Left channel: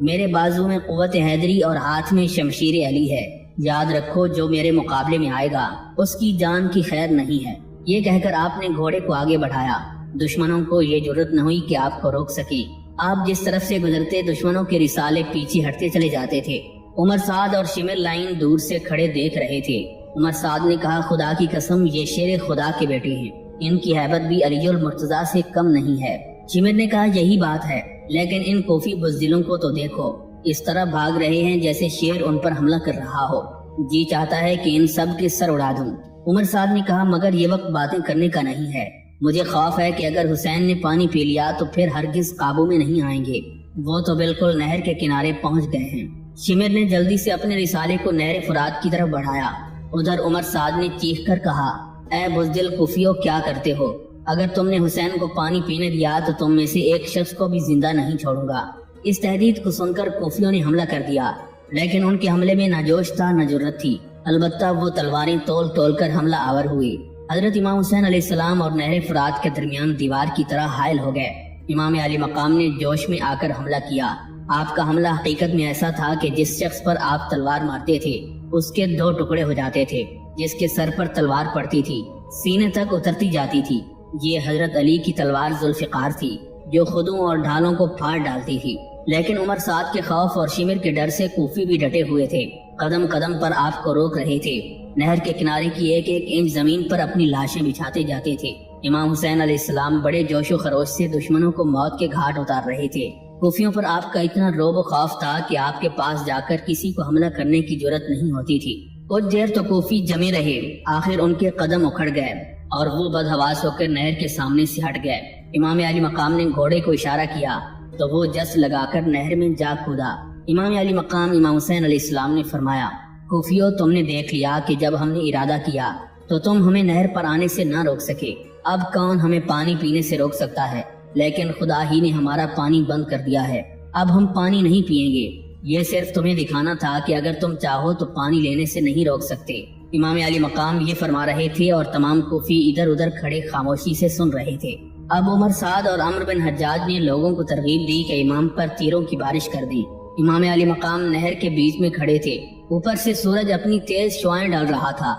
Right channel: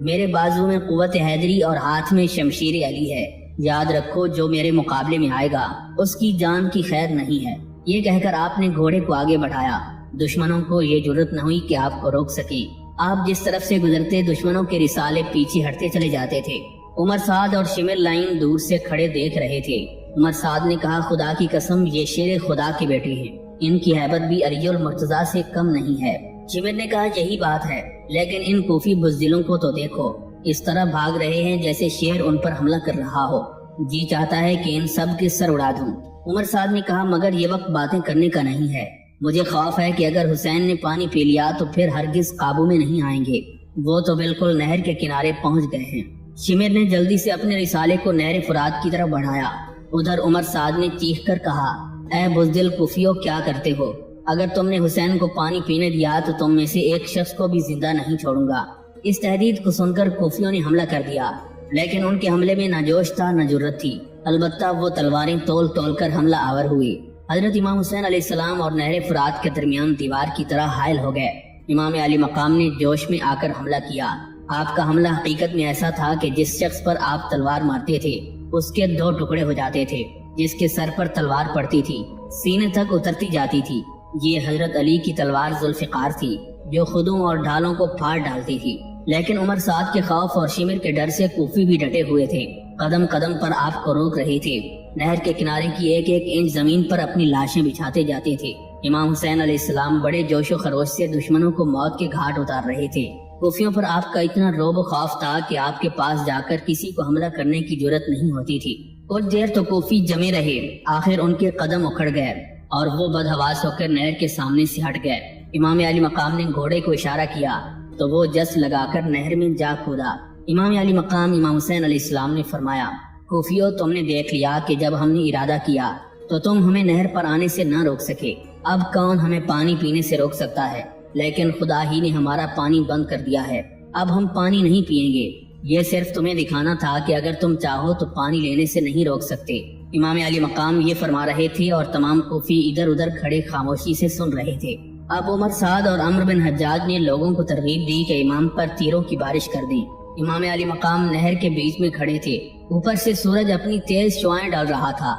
میرے بازو میں قوت حیدری اور ہاتھ میں شمشیر علی ہے، یاد رکھو جو میرے مقابلے میں آئے گا اس کی جان کی خیر نہیں ہے۔ یہ کہہ کر آپ نے گھوڑے کو آگے بڑھایا۔ دشمنوں کو یہ جرت نہ ہوئی کہ آپ کو روک سکیں۔ آپ جس طرف سے گزرتے دشمنوں کے رسالے پیچھے ہٹتے چلے جاتے تھے۔ عمر سعد اور شمر لائن دور سے کھڑے دیکھ رہے تھے۔ عمر سعد نے کہا، خدا کی قسم یہ شیر خدا کے بیٹے ہیں، ان کی ہیبت بھی علی المرتضیٰ سے کم نہیں ہے۔ شمر نے کہا، یہی بات ہے، لیکن ان کوفی بزدلوں کو تو دیکھو، اس طرح بھاگ رہے ہیں جیسے شیر ان پر حملہ کر رہا ہو، جی چاہتا ہے کہ ان سب کے سر اڑا دوں۔ عمر سعد نے کہا، مگر یہ وقت باتیں کرنے کا نہیں ہے، مجھے خوف ہے کہ اگر حسین نے پانی پی لیا تو پھر ہرگز قابو میں نہیں آئیں گے، وہ تو بالکل نہر کے کنارے پہنچ گئے ہیں۔ شمر نے جلدی سے اپنے رسالے کو نہر فرات کی طرف بڑھایا۔ ادھر عمر سعد نے چیخ کر کہا، اے بزدل کوفیو، کیا کرتے ہو؟ اگر تم نے حسین کو پانی پینے دیا تو تم میں سے ایک شخص کو بھی زندہ نہیں چھوڑوں گا۔ اس تہدید کو سن کر کوفیوں نے حملہ کر دیا، لیکن ان کے حملے میں نہ جوش تھا نہ جرت تھی، البتہ وہ تلواریں تول تول کر حملہ آور ہوئے۔ حضرت امام حسین علیہ السلام اور نہر فرات کے درمیان دیوار کی طرح حائل ہو گئے۔ امام علی مقام نے جوش میں آ کر حملہ کیا۔ آپ کا حملہ حقیقت میں ایسا تھا کہ جس شخص پر آپ تلوار مارتے تھے اس کے 2 ٹکڑے ہو جاتے تھے، جس کے سر پر تلوار پڑتی تھی سینے تک اترتی جاتی تھی۔ یہ حضرت علی کی تلوار ذوالفقار تھی جو خودوں اور ڈھالوں کو پھاڑ ڈالتی تھی، لیکن عمر سعد کے خوف اور شمر کے ڈر سے کوفی بھی ڈٹے ہوئے تھے، قدم قدم پر آپ کو روک رہے تھے۔ نہر کے کنارے کی ایک ایک انچ زمین پر اپنی لاشیں بچھاتے جاتے تھے۔ امام حسین علیہ السلام بڑے جوش و خروش سے دشمنوں کو موت کے گھاٹ اتار رہے تھے۔ کوفیوں پر آپ کا اتنا رعب و خوف تھا کہ آپ کے پاس جا کر کسی کو حملہ کرنے کی جرت نہیں ہوتی تھی۔ کچھ دیر تو کوفی جمے رہے، آخر ان کے قدم اکھڑ گئے اور وہ بدحواس ہو کر نہر کے سامنے سے ہٹ گئے۔ امام علی مقام نے گھوڑے کو اشارہ کیا تو وہ جس لگا کر نہر میں جا کھودا۔ امام علی مقام امام حسین علیہ السلام نے فرمایا، کوفیو، تم نے دیکھ لیا کہ جب ہم نے ارادہ کیا تو تم ہمیں نہر پر آنے سے نہ روک سکے، اب کون ہمیں پانی پینے سے روک سکتا ہے؟ لیکن خدا ہی نے ہمارا پانی بند کر دیا ہے، اب ہم پانی نہیں پیئیں گے۔ یہ صرف تمہیں دکھانا تھا کہ اگر تم چاہو تو پانی لینے سے نہیں روک سکتے۔ امام علی مقام یہ فرما رہے تھے اور تمام کوفی ادھر ادھر کھڑے خاموشی سے سن رہے تھے۔ اب عمر سعد اور عمرو بن حجاج نے لوگوں کو ترغیب دی کہ امام پر تیروں کی بارش کر دیں۔ امام علی مقام نہر کے بیچ میں کھڑے تھے، اوپر سے سورج اپنی تیز شعاعیں ڈال رہا تھا،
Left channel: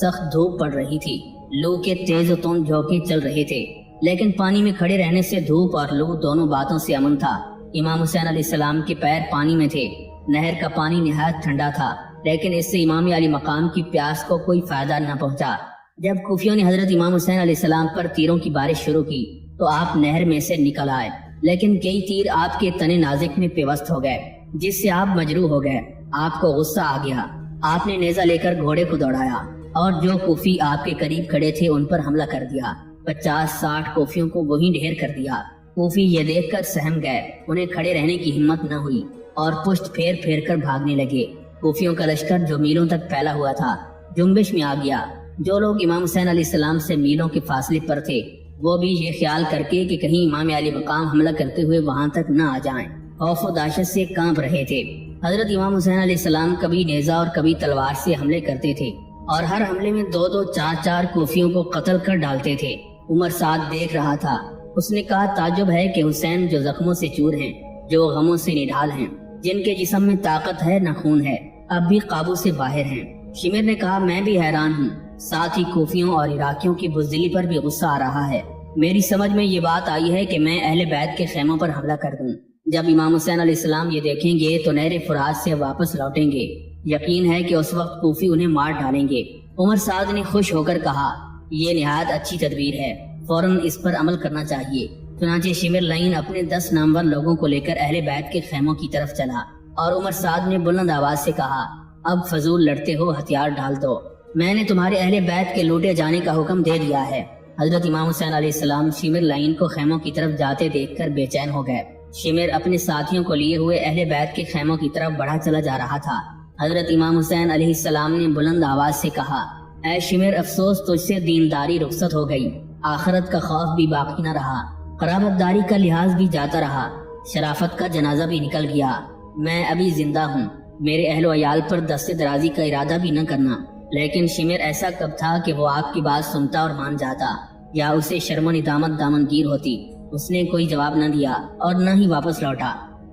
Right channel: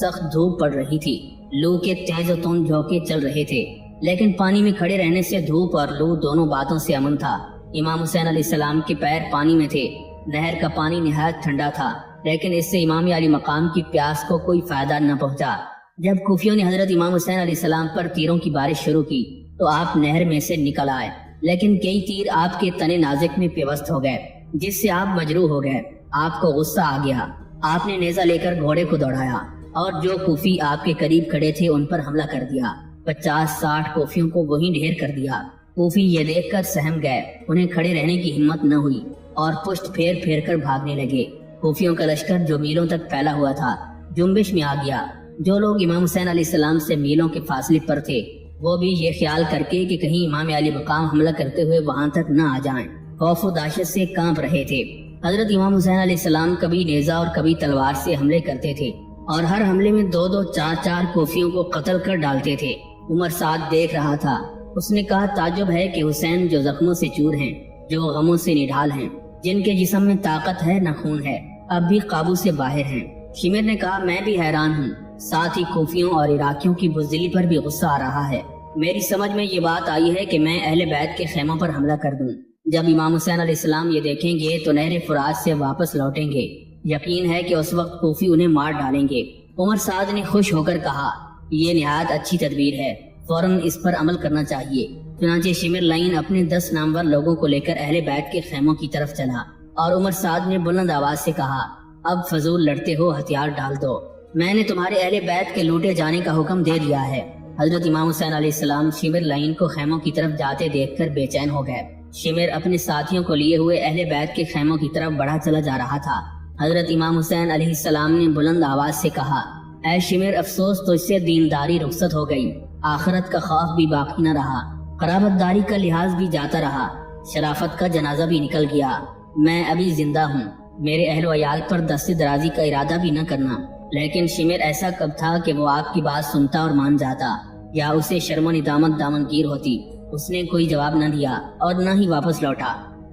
سخت دھوپ پڑ رہی تھی، لو کے تیز و تند جھونکے چل رہے تھے، لیکن پانی میں کھڑے رہنے سے دھوپ اور لو دونوں باتوں سے امن تھا۔ امام حسین علیہ السلام کے پیر پانی میں تھے، نہر کا پانی نہایت ٹھنڈا تھا، لیکن اس سے امام علی مقام کی پیاس کو کوئی فائدہ نہ پہنچا۔ جب کوفیوں نے حضرت امام حسین علیہ السلام پر تیروں کی بارش شروع کی تو آپ نہر میں سے نکل آئے، لیکن کئی تیر آپ کے تن نازک میں پیوست ہو گئے، جس سے آپ مجروح ہو گئے۔ آپ کو غصہ آ گیا، آپ نے نیزہ لے کر گھوڑے کو دوڑایا اور جو کوفی آپ کے قریب کھڑے تھے ان پر حملہ کر دیا۔ 50-60 کوفیوں کو وہیں ڈھیر کر دیا۔ کوفی یہ دیکھ کر سہم گئے، انہیں کھڑے رہنے کی ہمت نہ ہوئی اور پشت پھیر پھیر کر بھاگنے لگے۔ کوفیوں کا لشکر جو میلوں تک پھیلا ہوا تھا جنبش میں آ گیا۔ جو لوگ امام حسین علیہ السلام سے میلوں کے فاصلے پر تھے وہ بھی یہ خیال کر کے کہ کہیں امام علی مقام حملہ کرتے ہوئے وہاں تک نہ آ جائیں، خوف و دہشت سے کانپ رہے تھے۔ حضرت امام حسین علیہ السلام کبھی نیزہ اور کبھی تلوار سے حملے کرتے تھے اور ہر حملے میں 2-2 4-4 کوفیوں کو قتل کر ڈالتے تھے۔ عمر سعد دیکھ رہا تھا، اس نے کہا، تعجب ہے کہ حسین جو زخموں سے چور ہیں، جو غموں سے نڈھال ہیں، جن کے جسم میں طاقت ہے نہ خون ہے، اب بھی قابو سے باہر ہیں۔ شمر نے کہا، میں بھی حیران ہوں، ساتھ ہی کوفیوں اور عراقیوں کی بزدلی پر بھی غصہ آ رہا ہے۔ میری سمجھ میں یہ بات آئی ہے کہ میں اہل بیت کے خیموں پر حملہ کر دوں۔ جب امام حسین علیہ السلام یہ دیکھیں گے تو نہر فرات سے واپس لوٹیں گے، یقین ہے کہ اس وقت کوفی انہیں مار ڈالیں گے۔ عمر سعد نے خوش ہو کر کہا، یہ نہایت اچھی تدبیر ہے، فوراً اس پر عمل کرنا چاہیے۔ چنانچہ شمر لائن اپنے 10 نامور لوگوں کو لے کر اہل بیت کے خیموں کی طرف چلا اور عمر سعد نے بلند آواز سے کہا، اب فضول لڑتے ہو، ہتھیار ڈال دو، میں نے تمہارے اہل بیت کے لوٹے جانے کا حکم دے دیا ہے۔ حضرت امام حسین علیہ السلام شمر لائن کو خیموں کی طرف جاتے دیکھ کر بے چین ہو گئے۔ شمر اپنے ساتھیوں کو لیے ہوئے اہل بیت کے خیموں کی طرف بڑھا چلا جا رہا تھا۔ حضرت امام حسین علیہ السلام نے بلند آواز سے کہا، اے شمر، افسوس تجھ سے دینداری رخصت ہو گئی، آخرت کا خوف بھی باقی نہ رہا، قرابت داری کا لحاظ بھی جاتا رہا، شرافت کا جنازہ بھی نکل گیا۔ میں ابھی زندہ ہوں، میرے اہل و عیال پر دست درازی کا ارادہ بھی نہ کرنا۔ لیکن شمر ایسا کب تھا کہ وہ آپ کی بات سنتا اور مان جاتا، یا اسے شرم و ندامت دامنگیر ہوتی؟ اس نے کوئی جواب نہ دیا اور نہ ہی واپس لوٹا۔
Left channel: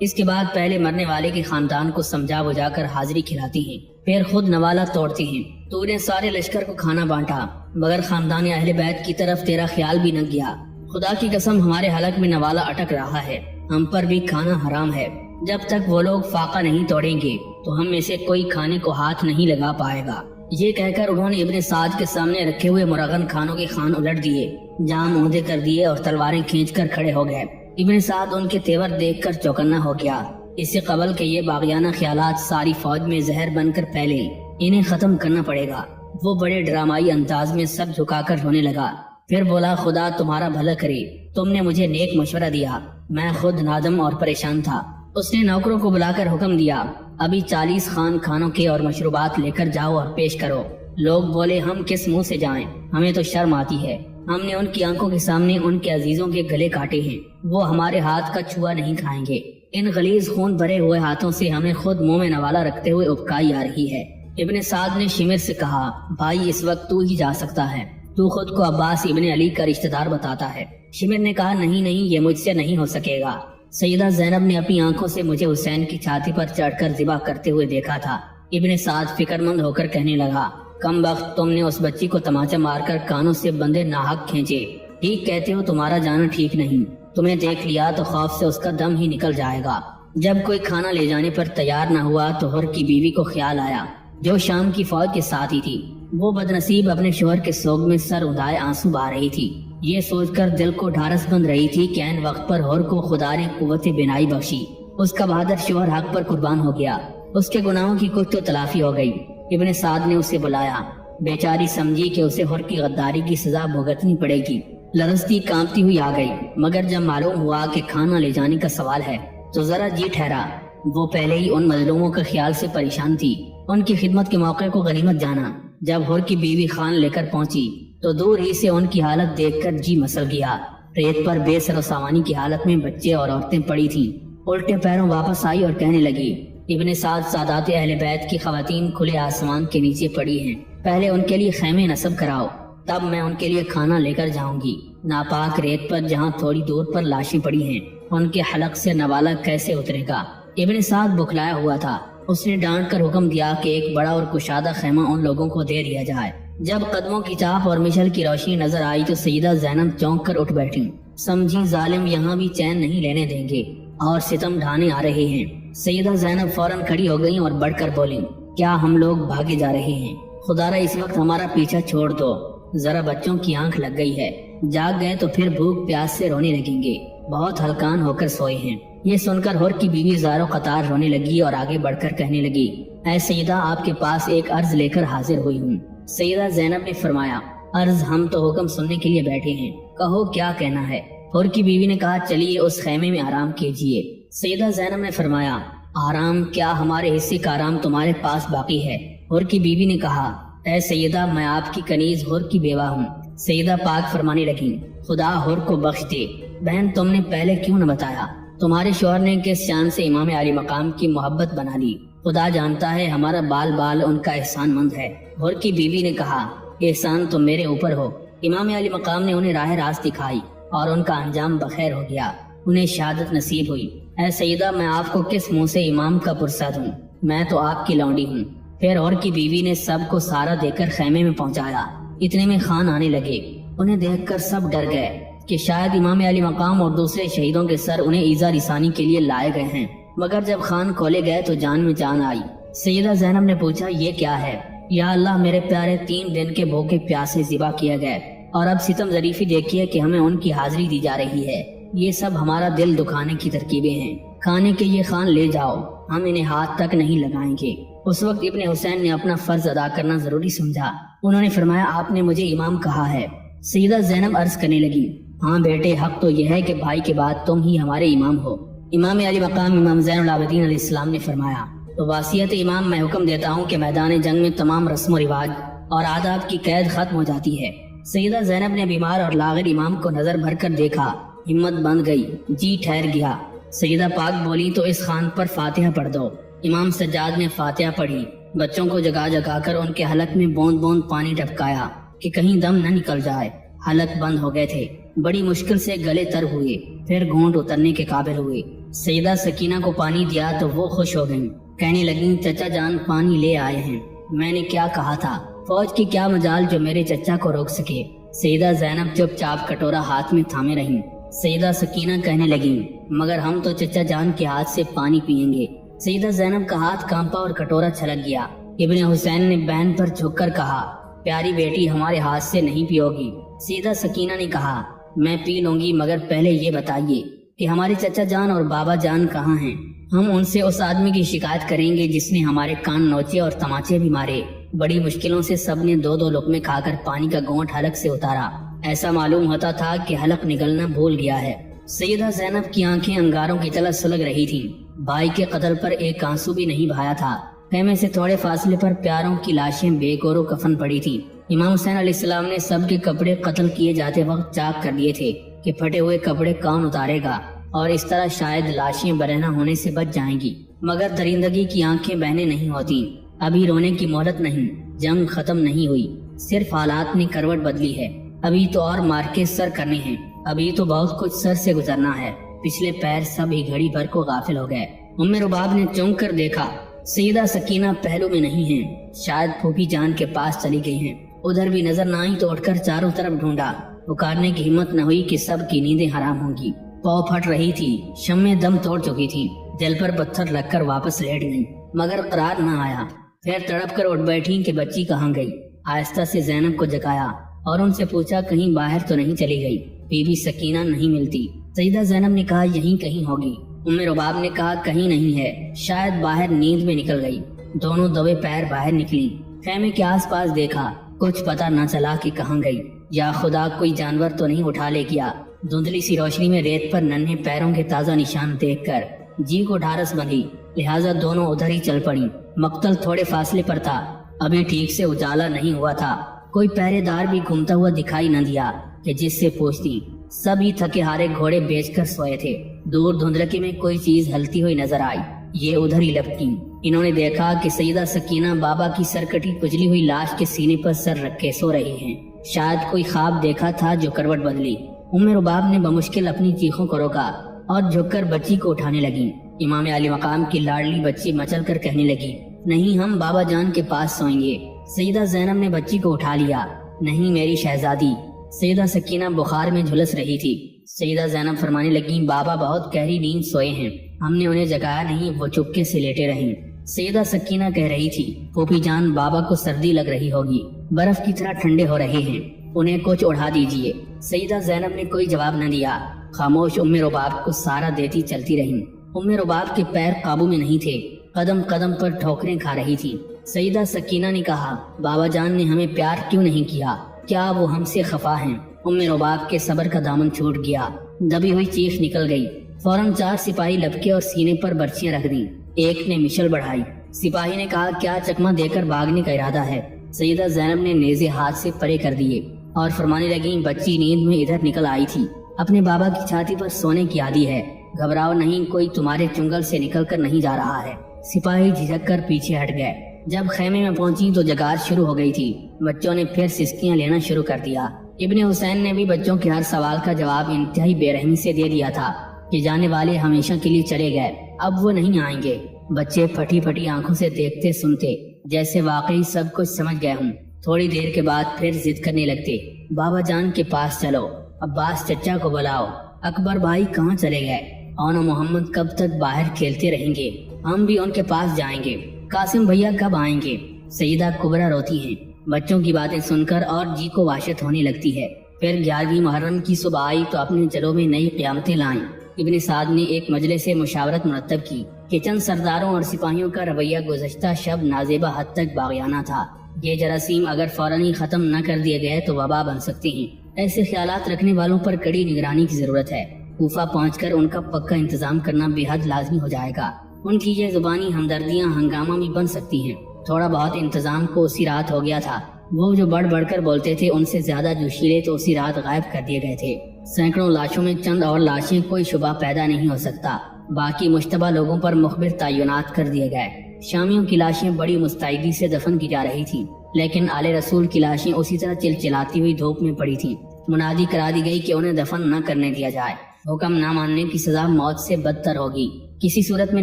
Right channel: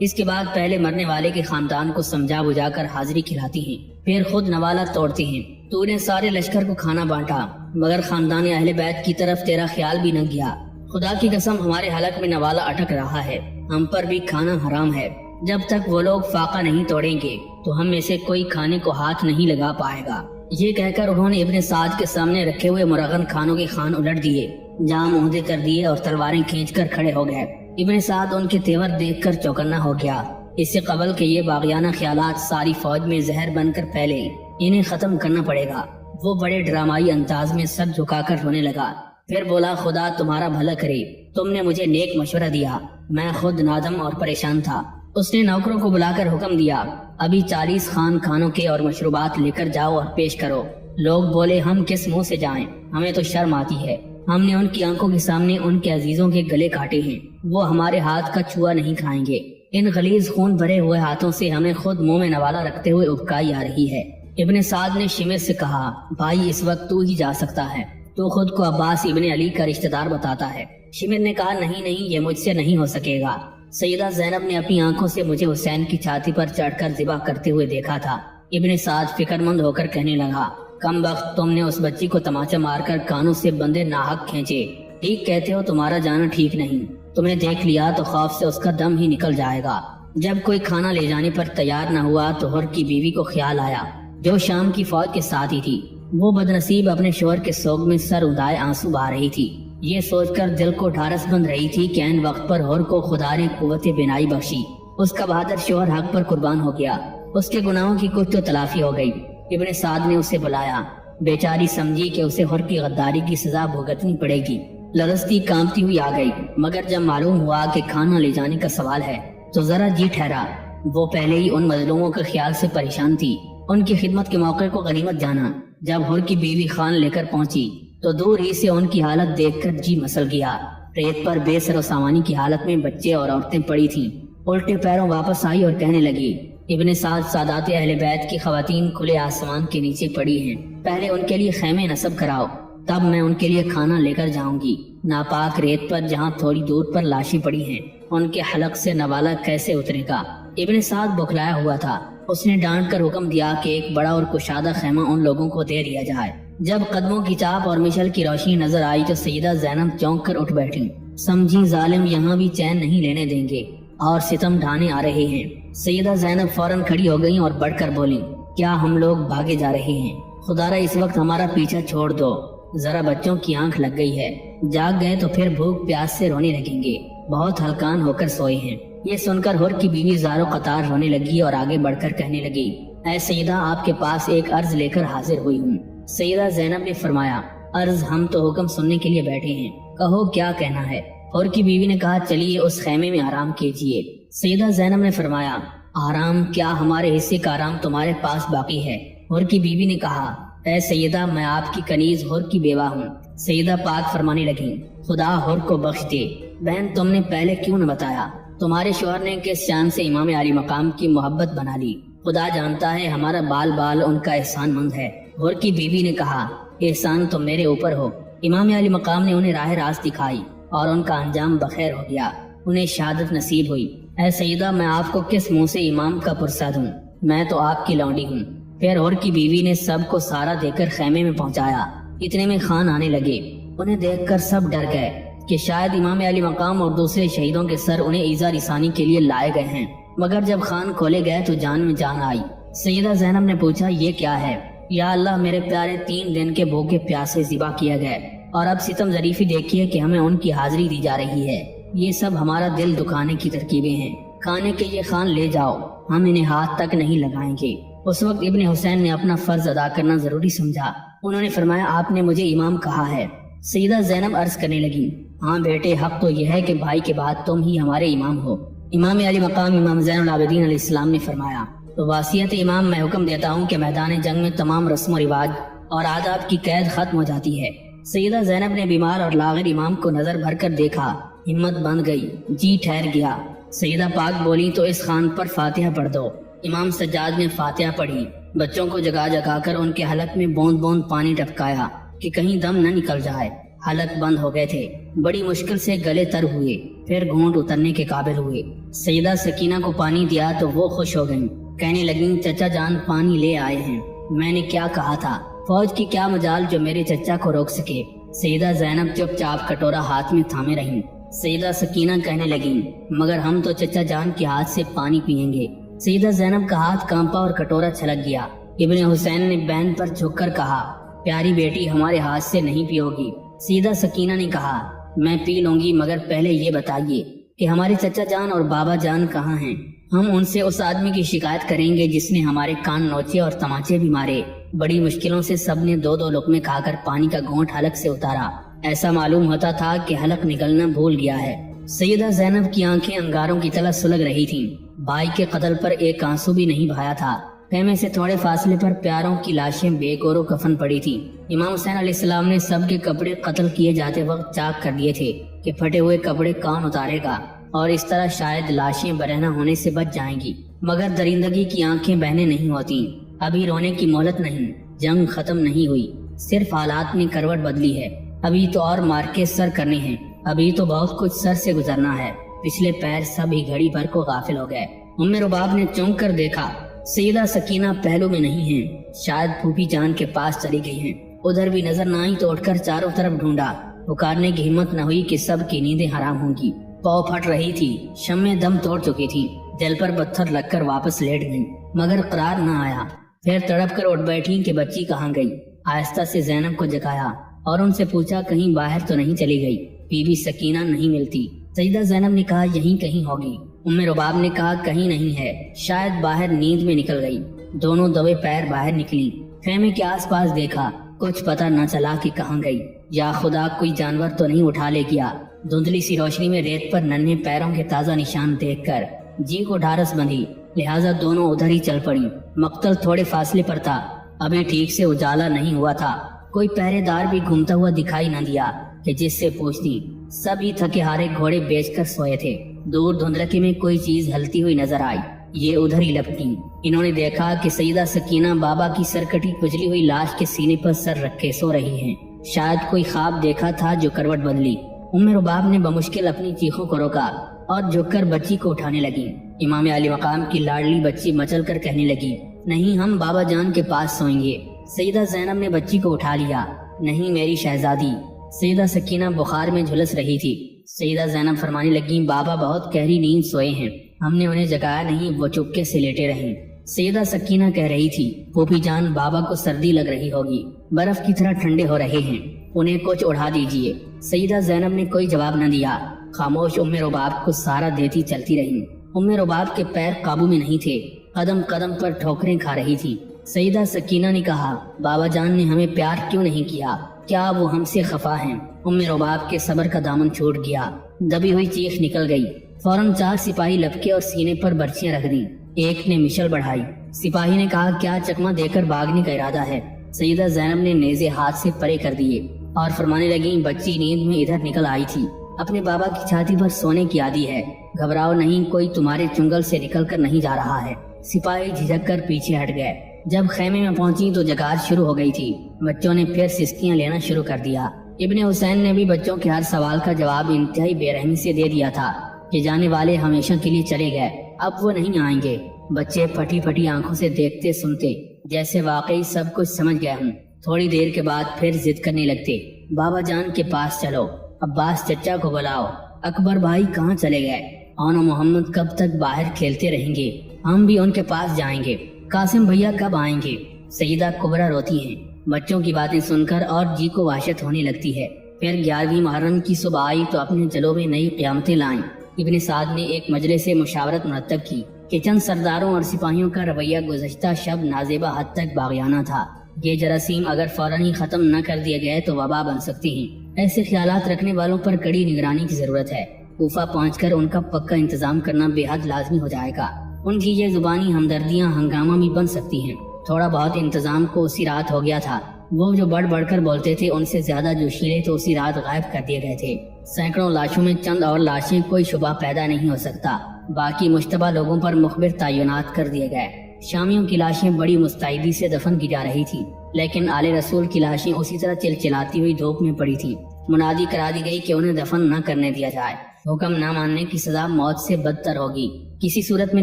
اس کے بعد پہلے مرنے والے کے خاندان کو سمجھا بجھا کر حاضری کھلاتی ہیں، پھر خود نوالا توڑتی ہیں۔ تو نے سارے لشکر کو کھانا بانٹا، مگر خاندان اہل بیت کی طرف تیرا خیال بھی نہ گیا۔ خدا کی قسم ہمارے حلق میں نوالا اٹک رہا ہے، ہم پر بھی کھانا حرام ہے۔ جب تک وہ لوگ فاقہ نہیں توڑیں گے تو ہم میں سے کوئی کھانے کو ہاتھ نہیں لگا پائے گا۔ یہ کہہ کر انہوں نے ابن سعد کے سامنے رکھے ہوئے مرغن خانوں کے خان الٹ دیے، جام عہدے کر دیے اور تلواریں کھینچ کر کھڑے ہو گئے۔ ابن سعد ان کے تیور دیکھ کر چوکنا ہو گیا۔ اس سے قبل کہ یہ باغیانہ خیالات ساری فوج میں زہر بن کر پھیلے، انہیں ختم کرنا پڑے گا۔ وہ بڑے ڈرامائی انداز میں سر جھکا کر رونے لگا، پھر بولا خدا تمہارا بھلا کرے، تم نے مجھے نیک مشورہ دیا، میں خود نادم اور پریشان تھا۔ اس نے نوکروں کو بلا کر حکم دیا، ابھی 40 خان کھانوں کے اور مشروبات لے کر جاؤ اور پیش کرو۔ لوگ بولے ہم کس منہ سے جائیں، ہمیں تو شرم آتی ہے۔ ہم نے ان کی آنکھوں کے سامنے ان کے عزیزوں کے گلے کاٹے ہیں، وہ ہمارے ہاتھ کا چھوا نہیں کھائیں گے۔ ان غلیظ خون بھرے ہوئے ہاتھوں سے ہمیں خود منہ میں نوالا رکھتے ہوئے ابکائی آ رہی ہے۔ ابن سعد نے شمر سے کہا، بھائی اس وقت تو ہی جا سکتا ہے، تو خود کو عباس ابن علی کا رشتہ دار بتاتا ہے۔ شمر نے کہا نہیں یہ مجھ سے نہیں ہو سکے گا۔ سیدہ زینب نے اپنی آنکھوں سے مجھے حسین کی چھاتی پر چڑھ کر ذبح کرتے ہوئے دیکھا تھا۔ ابن سعد فکر مند ہو کر کہنے لگا، کم وقت تم نے اس بچی کو تماچا مار کر کانوں سے بندے ناحق کھینچے۔ ٹھیک کہتے ہو، تمہارا جانا ٹھیک نہیں، تمہیں دیکھ لیا تو خوف سے اس کا دم ہی نکل جائے گا۔ جب کوئی کھانا لے جانے پر تیار نہ ہوا تو حر کی بیوی کو خیال آیا جو شام کی فوج کے ساتھ ہی تھی۔ وہ بدنصیب اپنے شوہر کے سوگ میں سر اٹھائے آنسو بہا رہی تھی۔ یہ سوچ کر دل کو ڈھارس بند رہی تھی کہ عین وقت پر حر کو خدا نے قوت بینائی بخشی، اس کا بہادر شوہر حق پر قربان ہو گیا، اس کے گناہوں کی کچھ تو تلافی ہو گئی۔ ابن سعد نے اسے بلایا، بیچاری سمجھی کہ اسے حر کی غداری کی سزا بھگتنی پڑے گی، لرزتی کانپتی ہوئی آ گئی۔ مگر جب معلوم ہوا کہ کھانا لے جانے کا سوال ہے تو ذرا جی ٹھہرا۔ وہ پہلے ہی ان مظلوموں کے خیال سے پریشان تھی، ان کی خدمت کے موقع کو غنیمت جانا۔ جب حر کی بیوی خان لے کر پہنچی تو دور ہی سے ان کی حالت دیکھ کر جی مسل گیا۔ ریت پر بے سر و سامانی کی حالت میں بچے اور عورتیں پڑی تھیں۔ الٹے پیروں واپس آئی اور کہنے لگی، ابن سعد سادات اہل بیت کی خواتین کھلے آسمان کے نیچے پڑی ہیں، پہلے ان کے لیے خیمے نصب کراؤ، تب میں ان کے لیے کھانا لے کر جاؤں گی۔ ناپاک ریت پر جہاں تھوڑی دور پر لاشیں پڑی ہیں، ان کے حلق سے نوالا کیسے اترے گا؟ ابن سعد بکھلایا ہوا تھا، اس نے ڈانٹ کر حکم دیا کہ ایک بڑا اور کشادہ خیمہ ان لوگوں کو دے دیا جائے۔ جب قدموں کی چاپ اور مشل کی روشنی نظر آئی تو سیدہ زینب چونک کر اٹھ بیٹھی، سمجھی ظالم یہاں بھی چین نہیں لینے دیں گے اور ستم ڈھانے آ رہے ہیں۔ سیدہ زینب فوراً کھڑی ہو گئی اور بڑھ کر بولی، کیا ہم لوگ بھاگے جا رہے ہیں؟ خدا را اس وقت ہمارا پیچھا چھوڑ دو، ذرا بچوں کی آنکھ لگ گئی ہے، جاگ گئے تو پھر بھوک پیاس سے رونے لگیں گے، بہت ہلکان ہو کر سوئے ہیں۔ یہ سن کر حر کی بیوی زارو قطار رونے لگی اور آگے بڑھ کر کہنے لگی، اے سیدہ آپ کے پاس ایک عرض لے کر حاضر ہوئی ہوں۔ سیدہ زینب نے فرمایا، عرض ہم تو حکم سننے کے لیے بیٹھے ہیں، کہو کیا کہنا ہے؟ حر کی بیوی نے کہا، چلیے اس خیمے میں آرام کیجیے۔ سیدہ زینب نے فرمایا، آرام کیا، ہمارے حصے کا آرام تمہارے پاس باقی ہے۔ حر کی بیوی نے کہا، اے سیدہ میں آپ کی کنیز حر کی بیوہ ہوں۔ سیدہ پاک فرمانے لگیں، خدا حر کو بخش دے، بہن تم نے پہلے کیوں نہ بتایا؟ تمہارے شوہر نے کس شان سے امام علی مقام کی محبت بنا لی، خدا جانتا ہے ہمارا بال بال ان کا احسان مند ہے۔ حر کی بیوی نے کہا، احسان تو میرے اوپر ہو، امام علی مقام نے انہیں راہ راست دکھائی اور ان کا انجام بخیر ہو گیا، انہیں شہادت نصیب ہوئی۔ اے سیدہ میں آپ کو کس منہ سے امام کا پرسد ہوں، میں تو آپ کی لونڈی ہوں۔ پھر حر کی بیوی نے سب کو سارا دے کر خیمے میں پہنچایا۔ اتنے میں خان آنے لگے، انہیں دیکھ کر سب ڈر گئے کہ شاید امام علی مقام اور دوسرے شہیدوں کے سر انہیں ایذا رسانی کے لیے لائے گئے ہیں۔ مگر جب خان کھولے گئے تو جان میں جان آئی۔ سیدہ زینب نے پوچھا، یہ کیا ہے؟ یا اللہ میرے پیارے 3 دن کے بھوکے پیاسے ذبح کیا گئے اور اب ستم ظریفی دیکھیے کہ ہمیں ان کی حاضری دی جا رہی ہے۔ یہ سب ہمارا دل دکھانے کی ترکیبیں ہیں، کھانے کے یہ خان لے جاؤ، ہم انہیں ہاتھ تک نہیں لگائیں گے۔ اس وقت ابن حسین نے اپنا فرض ادا کرنا ضروری سمجھا، انہوں نے فرمایا، آپ نے مجھے امام کہا ہے۔ سیدہ زینب عرض کرنے لگی، ہاں بیٹے، حق تو یہ ہے کہ بھائی کے بعد تم ہی ہمارے امام ہو۔ امام علی مقام امام زین العابدین علیہ السلام نے فرمایا، تو وصیت امام میں حکم دیتا ہوں کہ میدان جنگ میں تمام رسم و رواج اور آداب کی قید ختم ہو جاتی ہے۔ سیدہ زینب نے بیمار اور لاغر امام کو نظر بھر کر دیکھا، ہمت بن گئی، جی ٹھہر گیا۔ سیدہ پاک بولی، تو اس خان پر فاتحہ پڑھ دو۔ امام سجاد نے فاتحہ پڑھی، بچوں کو جگا جگا کر ان کے حلق میں بوند بوند پانی ٹپکایا کہ کہیں دم نہ نکل جائے۔ حلق بند ہو گئے تھے، بڑی مشکل سے گلے تر ہوئے، پھر گھونٹ اترنے کے قابل ہوئے۔ سیدہ سکینہ کو پانی دیا تو وہ خوش ہو گئیں، کہنے لگیں چچا جان پانی لے آئے ہیں۔ میں نے کیا کہا تھا، فوج کی کیا مجال جو میرے چچا کو روک سکے۔ سیدہ زینب چپ چاپ کٹورا ہاتھ میں تھامے رہیں۔ سیدہ سکینہ کہنے لگیں مگر ہم تو چچا جان کے ہاتھ سے پانی پئیں گے۔ سیدہ زینب کا ہاتھ کانپا اور کٹورا چھلک گیا۔ ابن حسین نے بہن پر جھک کر کہا پیاری بیٹی ہمارے ہاتھ سے نہیں پیو گی۔ سیدہ سکینہ نے کہا میں پی لوں گی مگر پہلے یہ بتائیے کہ ہمارے چچا جان اور بابا جان کہاں ہیں؟ ہم ان سے اس آدمی کی شکایت کریں گے جس نے ہمارے کان نوچے اور تماچے بھی مارے۔ بڑی مشکلوں سے سب نے دو دو لقمے کھا کر پانی کا گھونٹ حلق سے اتارا۔ ایسا معلوم ہوتا تھا کہ حلق نگلنا بھول گیا ہے۔ سیدہ زینب کی آنکھیں انگاروں کی طرح سلگ رہی تھیں۔ بھائی کے قتل پر ایک آنسو بھی نہیں بہایا تھا۔ خیمے سے تھوڑے فاصلے پر پیاروں کی لاشیں بے گور و کفن پڑی تھی۔ امام حسین علیہ السلام نے سب کے کپڑے قتل کیے جاتے وقت چاک کر دیے تھے کہ پھٹے ہوئے کپڑے کون اتارے گا، اور اس طرح شاید لاشیں برہنہ ہونے سے بچ جائیں گی۔ مگر درندگی کی آنکھیں بہنے نہیں ہوتی۔ ابھی رونے کی مہلت نہیں، جنگ ختم نہیں ہوئی، صرف حالات نے کروٹ بدلی ہے۔ ابھی تو اور مار کے سر کرنے ہیں، ابھی تو بہت کچھ سر سے گزرنا ہے۔ پچھلے پیر سب ہی گھڑی بھر کو غافل ہو گئے۔ ام رباب نے چونک کر دیکھا سیدہ سکینہ پہلو میں نہیں ہیں، شاید پھوپھی جان کے پاس چلی گئی ہیں۔ ادھر بھی نظر نہ آئی تو اٹھ کر چاروں طرف ڈھونڈا، پکارنے کی ہمت نہ ہوئی کہ سب کی نیندیں حرام ہوں گی۔ پاؤں پھٹ رہی تھی، شمیں دم توڑ چکی تھی، دل پر پتھر لگ کر واپس لیٹ گئی، مگر قرار نہ آیا۔ پھر تڑپ کر اٹھ بیٹھی کہ بچی کہاں گئی۔ آہستہ سے زینب کو جگایا اور ان سے پوچھا کہیں باہر تو نہیں چلی گئی؟ بی بی سکینہ نہیں ملتی۔ سیدہ زینب نے کہا یہیں کہیں ہوگی۔ ام رباب نے کہا کہیں نہیں ہے، شاید باہر نیند میں نکل گئی۔ دونوں دوے پیر باہر نکلی، خیمے کے آس پاس دیکھا، کچھ پتہ نہ چلا کہ کہاں گئی۔ یا خدا کوئی جانور تو نہیں اٹھا لے گیا۔ دھندلی سی روشنی میں ریت پر ننھے پیروں کے تازہ نشان دیکھ کر جی کو ڈھارس بندھی، لہٰذا دونوں ادھر ہی چل پڑی۔ مقتل تھوڑے فاصلے پر تھا، ابھی ٹھیک سے اجالا نہیں ہوا تھا، کوئی پہرے دار بھی گھومتا ہوا دکھائی نہ دیا کہ جس سے پوچھتی۔ سب ہی تھکے ہارے گھوڑے بیچ کر سوئے تھے۔ دور دھندلکی میں کوئی چیز ہلتی ہوئی نظر آئی، یہ ادھر ہی لپکی۔ انہوں نے دیکھا کہ سیدہ سکینہ بابا کی سرکٹی کچلی ہوئی لاش کے سینے پر سر رکھے سو رہی ہیں۔ شاید کوئی خواب دیکھا تھا جو کروٹ بدلی۔ ام رباب نے بمشکل اپنی چیخوں کو روکا اور جھک کر بچی کو اٹھانے لگی۔ امام علی مقام کی لاڈلی بچی مچل کر کہنے لگی نہیں ہم بابا جان کے پاس سوئیں گے۔ سیدہ زینب نے بچی کو اٹھا لیا۔ نہیں میری شہزادی۔ سیدہ سکینہ بخار میں جھلس رہی تھی۔ سیدہ زینب فرمانے لگیں بابا بہت گہری نیند سوئے ہیں، ہم نے انہیں جگایا نہیں، وہ چپکے سے لیٹے رہے۔ سیدہ سکینہ کہہ رہی تھی پھوپھی جان بابا کو سردی لگ رہی ہوگی، برف کی طرح ٹھنڈے ہو رہے ہیں، انہیں کچھ اڑا دیجیے۔ سیدہ زینب نے کوئی جواب نہ دیا، خاموش ام رباب کو سہارا دیتی چلتی رہی۔ ام رباب کے پیر قابو میں نہیں تھے، قدم قدم پر ٹھوکریں کھا رہی تھی۔ سیدہ سکینہ نے کہا بابا جان نے ہمیں پیار کیوں نہیں کیا؟ کیا وہ ہم سے خفا ہیں؟ ام رباب کے صبر کا دامن چھوٹ گیا، دبی ہوئی چیخ نکل گئی۔ فوراً 4 سپاہی لپکے اور سینے پر برچیاں رکھ دیں۔ ایک نے مشل بڑھائی۔ سپاہی نے کہا کیا چکمہ دے کر بھاگنے کا ارادہ ہے؟ سیدہ زینب نے نیزے ہاتھ سے پرے کر دیے اور فرمانے لگیں بچی نیند میں ادھر نکل آئی تھی، اپنے بابا کی چھاتی پر سونے کی عادی ہے، گھبراؤ نہیں، کوئی تمہارے چنگل سے نکل کر نہیں جا رہا ہے۔ سپاہی جھجک کر پیچھے ہٹ گئے۔ جب خیمے میں پہنچی تو جگات شروع ہو گئی تھی۔ بچوں نے پھر سسکیاں لینا شروع کر دیا۔ ابن حسین نے بھی بچوں کے ہر سوال کا جواب انتہائی بے رحمی سے دے دیا تھا کہ جانے والے ہمیشہ کے لیے چلے گئے، اب وہ نہیں آئیں گے۔ بچے پھٹی پھٹی آنکھوں سے دیکھتے سنتے جیسے واقعی سب کچھ سمجھ گئے ہوں۔ تھوڑی دیر کے بعد پھر ضد کرنے لگتے بابا جان کے پاس چلو، عباس چچا کو بلاؤ، اکبر بھائی کہاں چلے گئے، اور محمد کب تک باہر کھیلتے رہیں گے، ہم بھی ان کے پاس جائیں گے، قاسم بھیا کب آئیں گے؟ سیدہ کبرا روتی ہیں۔ بچوں کی باتیں سن کر اور جی کو وحشت ہونے لگتی ہے۔ پھر 11ویں محرم کی صبح آئی تو اپنے جلوں میں نئی قیامتیں لائیں۔ ابن سعد نے ایک مجلس سے مشاورت مرتب کی کہ چند سرداروں اور سپاہیوں کا رویہ گزشتہ شب نازیبہ حد تک باغیانہ تھا۔ یہ جراثیم اگر فوراً ہی ختم نہ کر دیے گئے تو وبا بن سکتی ہیں۔ ایسے خیالات رکھنے والوں پر کڑی نگرانی کی ضرورت ہے۔ کوفہ پہنچ کر ان کا پکا انتظام کرنا بے حد لازمی ہو جائے گا۔ ان کی یہ زبانی ہمدردیاں ہنگامہ بھی بن سکتی ہیں۔ تھوڑا بہت انتظام کو اسی رات ہو گیا تھا۔ وہ جو بڑھ بڑھ کر بولتے تھے ان سے زیادہ جوشیلے تو اسی رات غائب کر دیے گئے تھے۔ سینکڑوں لاشوں میں چند اور لاشیں، کوئی شبہ پیدا نہیں ہو سکتا۔ باقی مشتبہ لوگوں پر مخبر تعینات کر دیے گئے۔ شامیوں کی لاشیں بڑی مستعدی سے دفن کی جا رہی تھیں، لیکن آل رسول کی لاشیں اسی طرح چلچلاتی ہوئی دھوپ میں پڑی تھی۔ منادی کرا دی گئی کہ انہیں دفن نہ کرنے دیا جائے۔ حکم نہ ماننے کی سزا موت سے بدتر ہوگی۔ کسی صورت میں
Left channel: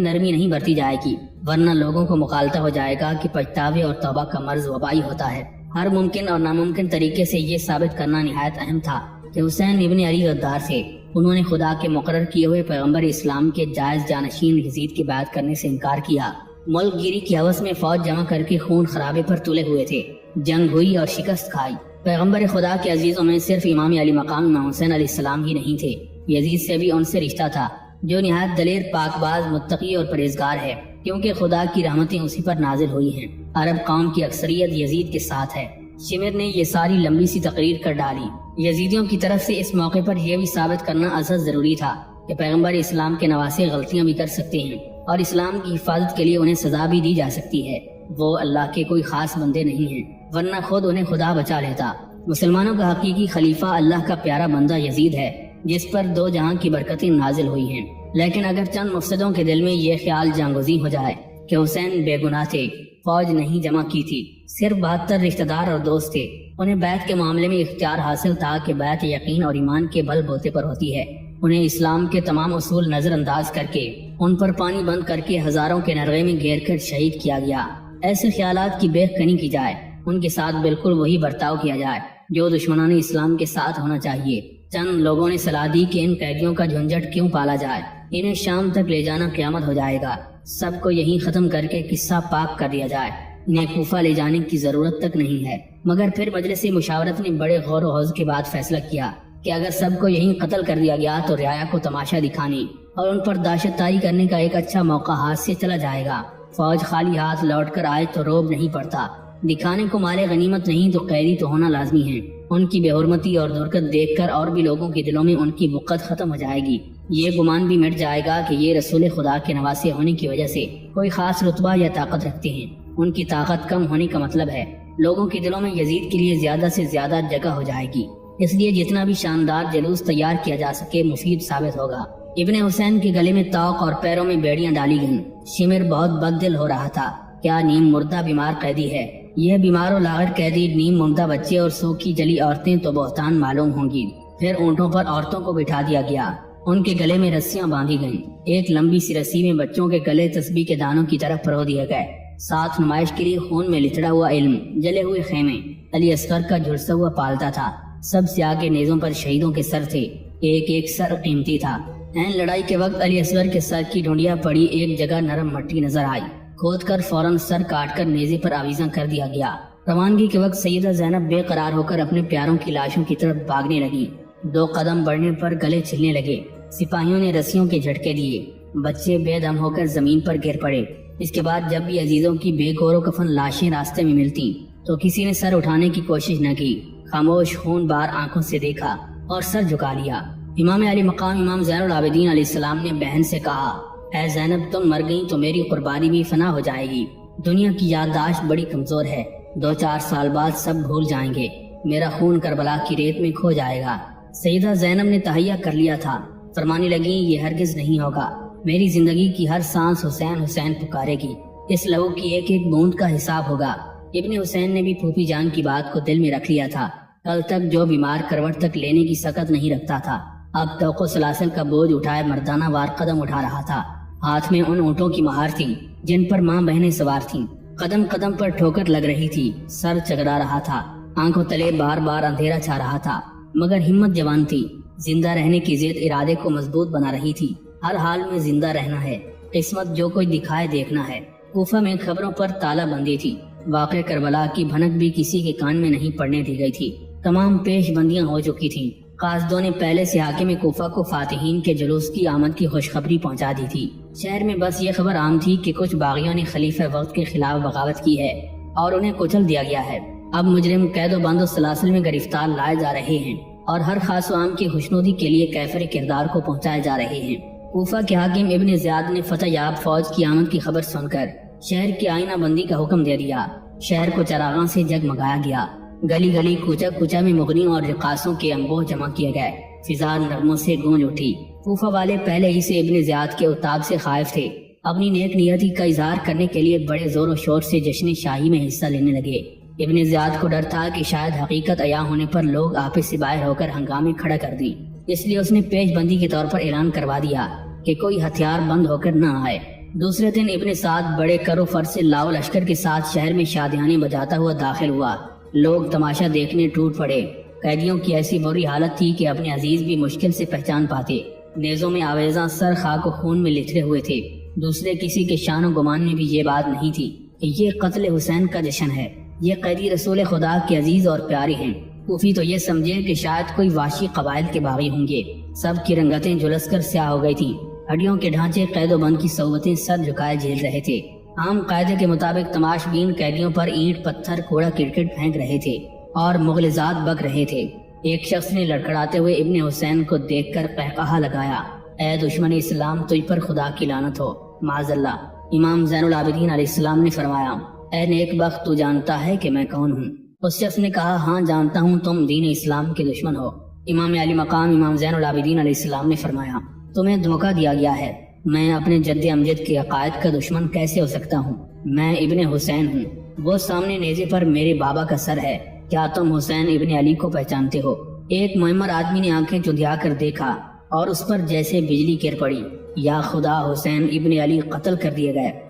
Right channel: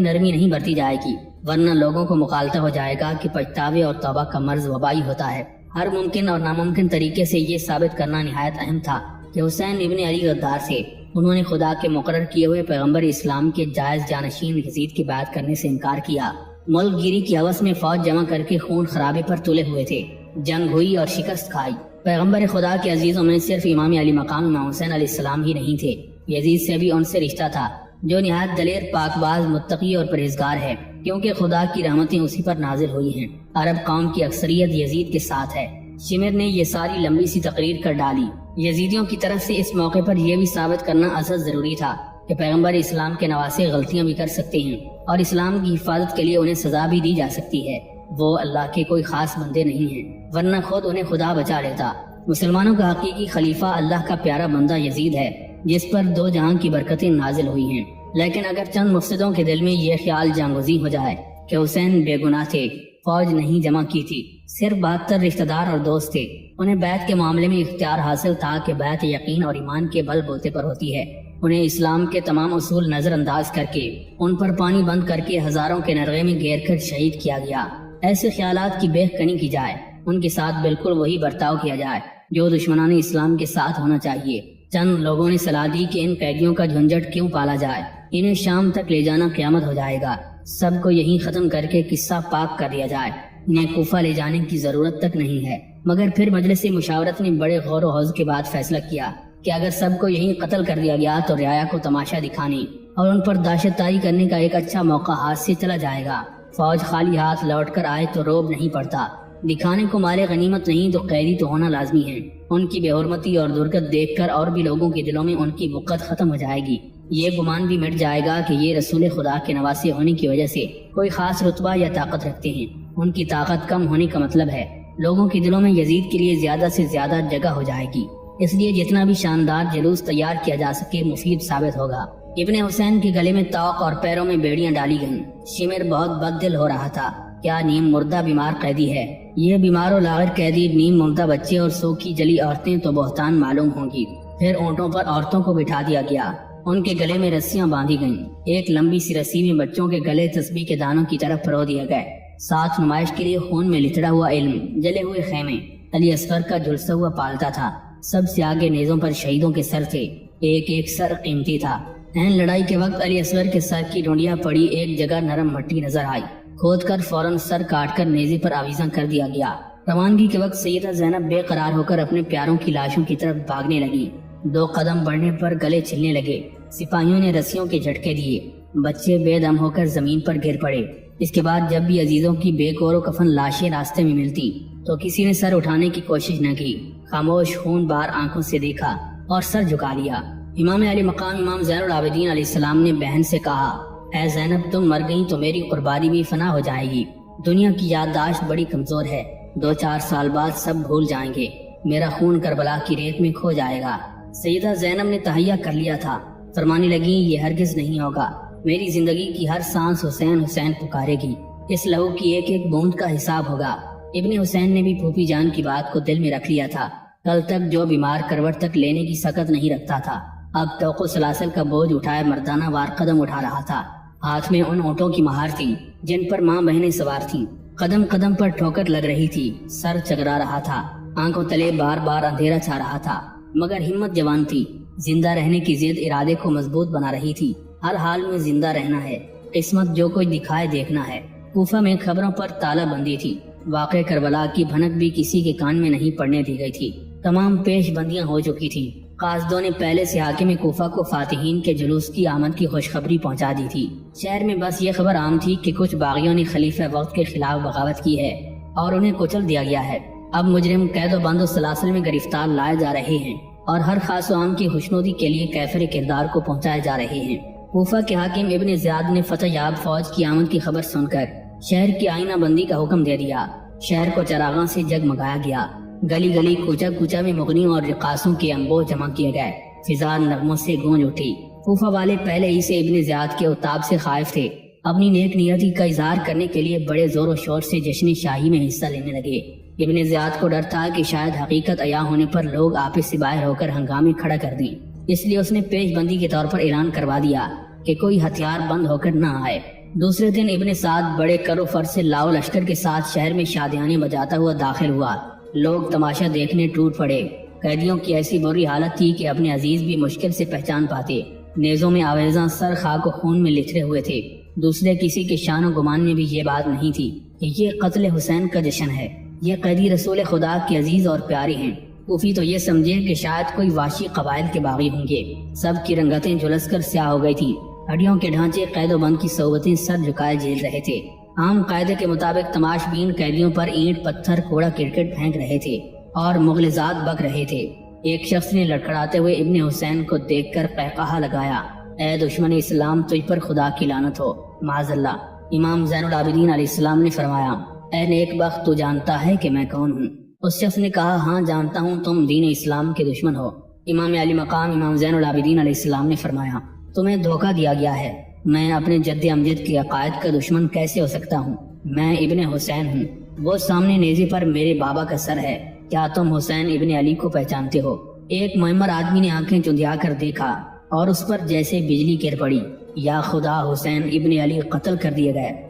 نرمی نہیں برتی جائے گی، ورنہ لوگوں کو مغالطہ ہو جائے گا کہ پچھتاوے اور توبہ کا مرض وبائی ہوتا ہے۔ ہر ممکن اور ناممکن طریقے سے یہ ثابت کرنا نہایت اہم تھا کہ حسین ابن علی غدار تھے۔ انہوں نے خدا کے مقرر کیے ہوئے پیغمبر اسلام کے جائز جانشین یزید کی بات کرنے سے انکار کیا۔ ملک گیری کی ہوس میں فوج جمع کر کے خون خرابے پر تلے ہوئے تھے۔ جنگ ہوئی اور شکست کھائی۔ پیغمبر خدا کے عزیزوں میں صرف امام علی مقام امام حسین علیہ السلام ہی نہیں تھے، یزید سے بھی ان سے رشتہ تھا، جو نہایت دلیر، پاک باز، متقی اور پرہیزگار ہے، کیونکہ خدا کی رحمتیں اسی پر نازل ہوئی ہیں۔ عرب قوم کی اکثریت یزید کے ساتھ ہے۔ شمر نے یہ ساری لمبی سی تقریر کر ڈالی۔ یزیدیوں کی طرف سے اس موقع پر یہ بھی ثابت کرنا ازحد ضروری تھا کہ پیغمبر اسلام کے نواسے غلطیاں بھی کر سکتے ہیں اور اسلام کی حفاظت کے لیے انہیں سزا بھی دی جا سکتی ہے۔ وہ اللہ کے کوئی خاص بندے نہیں ہیں، ورنہ خود انہیں خدا بچا لیتا۔ مسلمانوں کا حقیقی خلیفہ اللہ کا پیارا بندہ یزید ہے، جس پر دو جہاں کی برکتیں نازل ہوئی ہیں۔ لیکن اگر چند مفسدوں کے دل میں یہ خیال جانگزی ہو جائے کہ حسین بے گناہ تھے، فوج نہیں جمع کی تھی، صرف 72 رشتہ دار اور دوست تھے، انہیں بیعت کے معاملے میں اختیار حاصل تھا کہ بیعت یقین اور ایمان کے بل بوتے پر ہوتی ہے، انہیں اسلام کے تمام اصول نظر انداز کر کے، ان پر پانی بند کر کے ہزاروں کے نرغے میں گھیر کر شہید کیا گیا۔ ایسے خیالات کی بیخ کنی کی جائے، ان کے ساتھ بالکل وہی برتاؤ کیا جائے جو دشمنان اسلام کے ساتھ ہونا چاہیے۔ چند لوگوں نے صلاح دی کہ ان قیدیوں کا جھنجٹ کیوں پالا جائے، انہیں شام تک لے جانا قیامت ہو جائے گا، سب کو یہیں ختم کر کے قصہ پاک کر دیا جائے، انہیں کوفہ لے جانے کی ضرورت تک نہیں ہے۔ مگر پھر مجلس مشاورت نے بڑے غور و خوض کے بعد فیصلہ کیا کہ اگر سب کو یہیں قتل کر دیا گیا تو رعایا کو تماشا دکھانے اور ان پر داشت طاری کرنے کا ایک اچھا موقع ہاتھ سے چلا جائے گا۔ فوج خالی ہاتھ لوٹ کر آئے تو روب نہیں پڑتا، دکھانے کو مال غنیمت نہیں تو قیدی تو ہونا لازمی ہے۔ ان کی بے حرمتی اور درگت دیکھ کر اور بھی لوگوں کے دلوں میں ان کی بغض ختم ہو جائے گی، یہ گمان بھی مٹ جائے گا کہ یہ رسول خدا کے نواسے ہونے کی وجہ سے کوئی خاص رتبہ یا طاقت رکھتے ہیں۔ ان کی طاقت کم ہونے کا مطلب ہے لوگوں کے دلوں میں یزید کے لیے زیادہ سے زیادہ جگہ ہو جائے گی، اس لیے جتنا بھی شاندار جلوس تیار کیا جا سکے مفید ثابت ہوگا۔ ابن حسین کے گلے میں طوق اور پیروں میں بیڑیاں ڈالی گئیں۔ شمر بہت بد دل ہو رہا تھا، کیا نیم مردہ بیمار قیدی ہے؟ یہ بیمار و لاغر قیدی، نیم مردہ بچے اور سوکھی جلی عورتیں تو بہتان معلوم ہوں گی۔ پھر اونٹوں پر عورتوں کو بٹھا دیا گیا، ان کے گلے میں رسیاں باندھی گئیں، ایک لمبی سی رسی میں بچوں کے گلے تسبیح کے دانوں کی طرف پرو دیے گئے، ساتھ نمائش کے لیے خون میں لتڑا ہوا علم، جلے ہوئے خیمے، علی اصغر کا جھلسا ہوا پالتا تھا، سب سے آگے نیزوں پر شہیدوں کے سر تھے، ایک ایک سر قیمتی تھا۔ این لڑائی کے وقت علی اصغر کے سر کی ڈھونڈیاں پڑی ایک جگہ نرم مٹی نظر آئی، کھود کر فوراً سر کاٹ کر نیزے پر آویزاں کر دیا گیا۔ روانگی کے وقت سیدہ زینب بے قرار ہو کر اپنے پیاروں کی لاشوں کی طرف بھاگنے لگی، 2 قدم بڑھنے پر گلے چلنے لگے، سپاہیوں نے رسیوں کے جھٹکے دیے، بچے بے دم ہو کر زمین پر گر پڑے۔ اس کے بعد جب بھی عزیزوں کی بے گور و کفن لاشیں راستے میں ملتی تو کسی نے سر اٹھانے کی کوشش نہ کی، خاموش خون بار آنکھوں سے دیکھا اور سر جھکا لیا۔ امام علی مقام امام زین العابدین علیہ السلام نے بہن سے کہا، اے زینب تم مر گئی تو میری قربانی بھی فنا ہو جائے گی، دنیا کی یادداشت بڑی کمزور ہے، 2-4 سال بعد سب بھول جائیں گے، میرا خون کربلا کی ریت میں کھو جائے گا۔ سیدہ زینب نے تہیہ کر لیا تھا، فرمانے لگی یہ ہرگز نہیں ہوگا، میری زندگی کی ہر سانس حسین حسین پکارے گی، اس لہو کی ایک ایک بوند کا حساب ہوگا۔ ابن حسین نے بھی پھوپھی جان کی بات کو دل میں رکھ لیا تھا، کل تک جو بیمار کروٹ تک لینے کی سکت نہیں رکھتا تھا، اب توقع سلاسل کا بوجھ اٹھائے مردانہ وار قدم اٹھا رہا تھا، ہاتھ میں ان اونٹوں کی مہار تھی جن پر ماں بہنیں سوار تھیں، قدم قدم پر ٹھوکر لگ رہی تھی، سر چکرا رہا تھا، آنکھوں تلے بار بار اندھیرا چھا رہا تھا، مگر ہمت جوان تھی، زندہ رہنے کی ضد ارادے کو مضبوط بنا رہی تھی، ہر حال میں زندہ رہنا ہے، قسمت جو کوئی دکھائے دیکھنا ہے۔ کوفہ میں خبروں پر تالا بندی تھی، واقع کربلا کی بھنک بھی کسی کے کان میں نہیں پڑنے دی گئی تھی، تمام پیش بندیاں ہو چکی تھیں، قاصدوں نے پہلے سے حاکم کوفہ کو فاتحین کے جلوس کی آمد کی خوشخبری پہنچا دی تھی۔ شہر میں بس یہ خبر عام تھی کہ کچھ باغیوں نے خلیفہ وقت کے خلاف بغاوت کی ہے اور انہیں کچل دیا گیا ہے، اب مجرم قید و بند و سلاسل میں گرفتار لائے جا رہے ہیں اور ہر خاص و عام کی خوشنودی کے لیے کیفر کردار کو پہنچائے جا رہے ہیں۔ کوفہ کے حاکم ابن زیاد نے فتح یاب فوج کی آمد کی خبر سن کر شہر کی آئینہ بندی کا حکم دے دیا، شہر کو چراغاں سے جگمگایا گیا، گلی گلی کوچہ کوچہ میں مغنیوں اور رقاصوں کے انبوہ جمع کیے گئے، فضار نغموں سے گونج اٹھی۔ کوفہ والے پہلے ہی سے ابن زیاد کے عتاب سے خائف تھے، اپنی نیک نیتی کا اظہار کرنے کے لیے بڑے زور و شور سے جشن شاہی میں حصہ لینے لگے۔ ابن زیاد کو ڈر تھا کہ شاید حقیقت عیاں ہونے پر لوگ آپس سے باہر ہو کر ہنگامے کھڑا کر دیں، اس لیے اس نے پیش بندی کے طور پر اعلان کروا دیا کہ کوئی ہتھیار بند ہو کر نہ آئے۔ دوسرے دن ابن سعد بڑے کر و فر سے لاؤ لشکر کے ساتھ شہر میں شادیانے بجاتا ہوا داخل ہوا۔ لوگ تماشا دیکھنے ٹوٹ پڑے۔ قیدیوں کی ایسی بری حالت تھی کہ اپنے عزیز بھی مشکل سے پہچان پاتے۔ نیزوں میں آویزاں سر خاک و خون میں لتھڑے ہوئے تھے۔ دوسرے کسی کے شان و گمان میں بھی یہ بات نہیں تھی کہ یہ قتل حسین کا جشن ہے، یہ قیدی رسول خدا کے عزیز اور پیارے ہیں۔ کوفی تو یہ سمجھے کہ شاید کوئی وحشی قبائل کے باغی ہوں گے۔ سب کی رنگتیں جھلس کر سیاہ ہو گئی تھی۔ ہڈیوں کے ڈھانچے قید و بند کی صحبتیں سر جھکائے جھیل رہے تھے۔ عام قاعدے کے مطابق تماش بین قیدیوں پر اینٹ پتھر کوڑا کرکٹ پھینک رہے تھے اور مغلظات بک رہے تھے۔ ایک شخص نے لڑکھڑاتے ہوئے ابن حسین کو دیکھ کر قہقہہ لگایا، اے دشمن اسلام، تجھ پر خدا کی لعنت ہو، معاذ اللہ۔ امام زین العابدین علیہ السلام نے فرمایا، اے نیک بخت، تو جانتا ہے کہ میں کون ہوں؟ اس شخص نے کہا، ہاں جانتا ہوں، تم دین اسلام کے دشمن ہو۔ امام علی مقام امام زین العابدین علیہ السلام نے فرمایا، تمہیں دھوکہ دیا گیا ہے، میں اپنے جد امجد کے عقائد کا دشمن کیسے ہو سکتا ہوں؟ میں ابن حسین ہوں، وہ سامنے نیزے پر میرے بابا کا سر ہے، کیا تم حسین ابن علی کو پہچانتے ہو؟ ایک معمر آدمی نے آنکھیں چندھیا کر دیکھا اور اس پر جیسے بجلی گر پڑی، یا خدا، حسین ابن علی قتل کر دیے گئے۔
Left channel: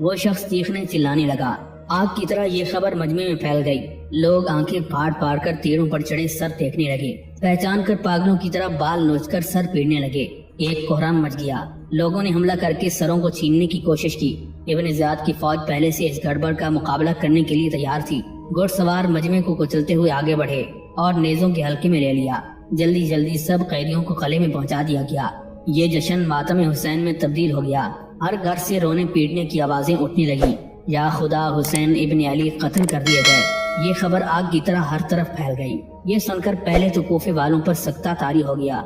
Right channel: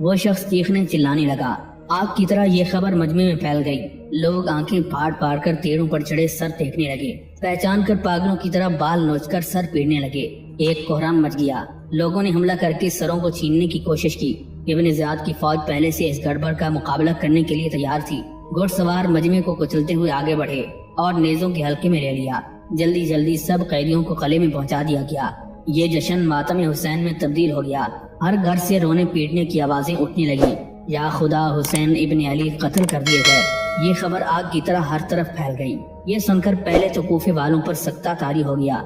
وہ شخص چیخنے چلانے لگا۔ آگ کی طرح یہ خبر مجمع میں پھیل گئی۔ لوگ آنکھیں پھاڑ پھاڑ کر تیروں پر چڑھے سر دیکھنے لگے، پہچان کر پاگلوں کی طرح بال نوچ کر سر پیڑنے لگے۔ ایک کوہرام مچ گیا۔ لوگوں نے حملہ کر کے سروں کو چھیننے کی کوشش کی۔ ابن زیاد کی فوج پہلے سے اس گڑبڑ کا مقابلہ کرنے کے لیے تیار تھی۔ گھڑ سوار مجمع کو کچلتے ہوئے آگے بڑھے اور نیزوں کے حلقے میں لے لیا۔ جلدی جلدی سب قیدیوں کو قلعے میں پہنچا دیا گیا۔ یہ جشن ماتم حسین میں تبدیل ہو گیا۔ ہر گھر سے رونے پیٹنے کی آوازیں اٹھنے لگیں، یا خدا، حسین ابن علی قتل کر دیے گئے۔ یہ خبر آگ کی طرح ہر طرف پھیل گئی۔ یہ سن کر پہلے تو کوفے والوں پر سکتہ طاری ہو گیا۔